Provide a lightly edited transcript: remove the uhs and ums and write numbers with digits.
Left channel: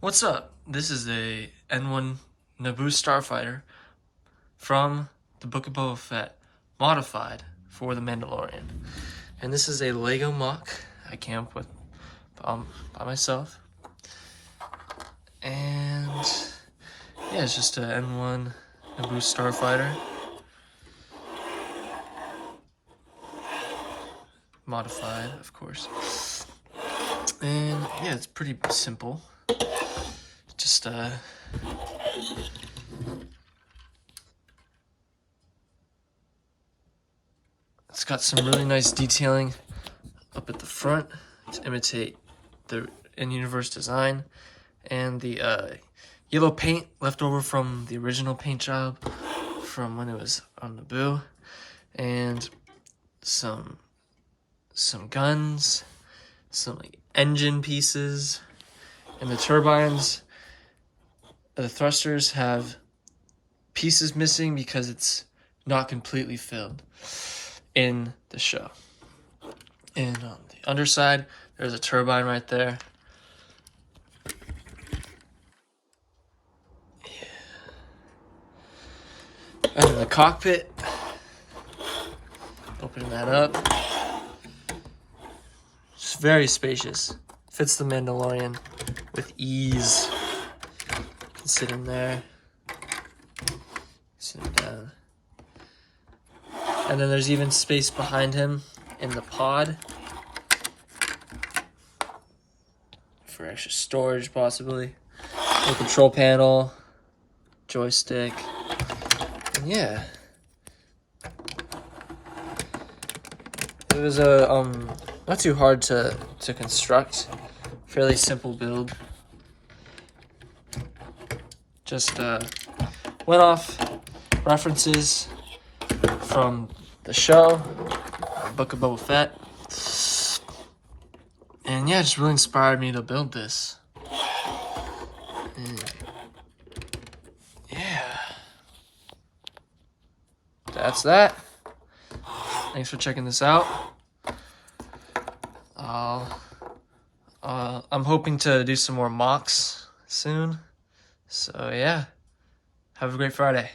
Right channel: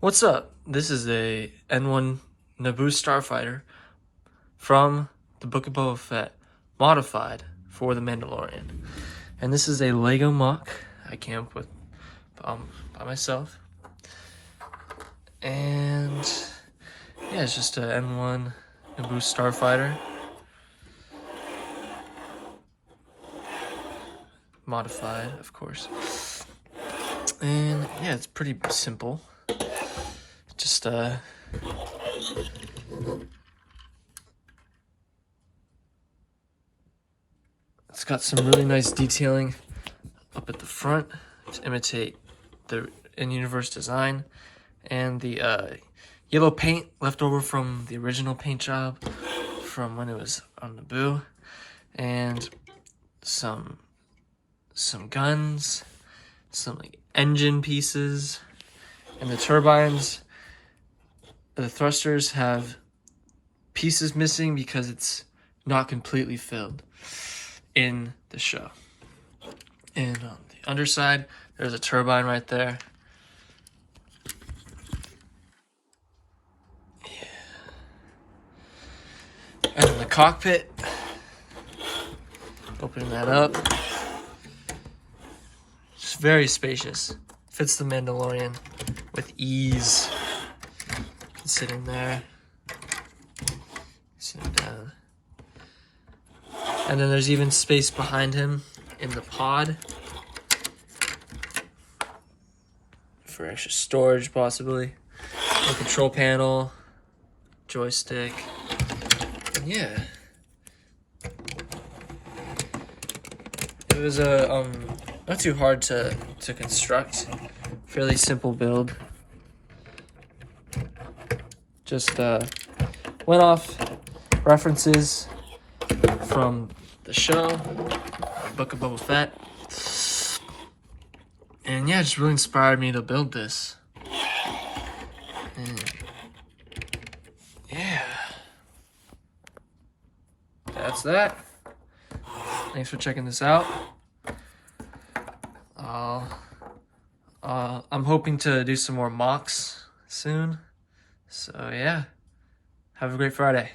What's up? This is a N1 Naboo Starfighter from the Book of Boba Fett, modified for the Mandalorian. And this is a Lego MOC I came up with by myself. And yeah, it's just a N1 Naboo Starfighter. Modified, of course. And yeah, it's pretty simple. Just it's got some really nice detailing up at the front to imitate the in-universe design, and the yellow paint left over from the original paint job from when it was on Naboo, and some guns, some like engine pieces, and the turbines. The thrusters have pieces missing because it's not completely filled in the show. And on the underside, there's a turbine right there. Yeah. And in the cockpit, opening that up. It's very spacious. Fits the Mandalorian with ease. Sit in there, sit down, and then there's even space behind him in the pod for extra storage, possibly. A control panel, joystick, and yeah, it was not too hard to construct. Fairly simple build. Just went off references from the show, the Book of Boba Fett, and yeah, it just really inspired me to build this. And yeah, that's that. Thanks for checking this out. I'm hoping to do some more MOCs soon. So yeah, have a great Friday.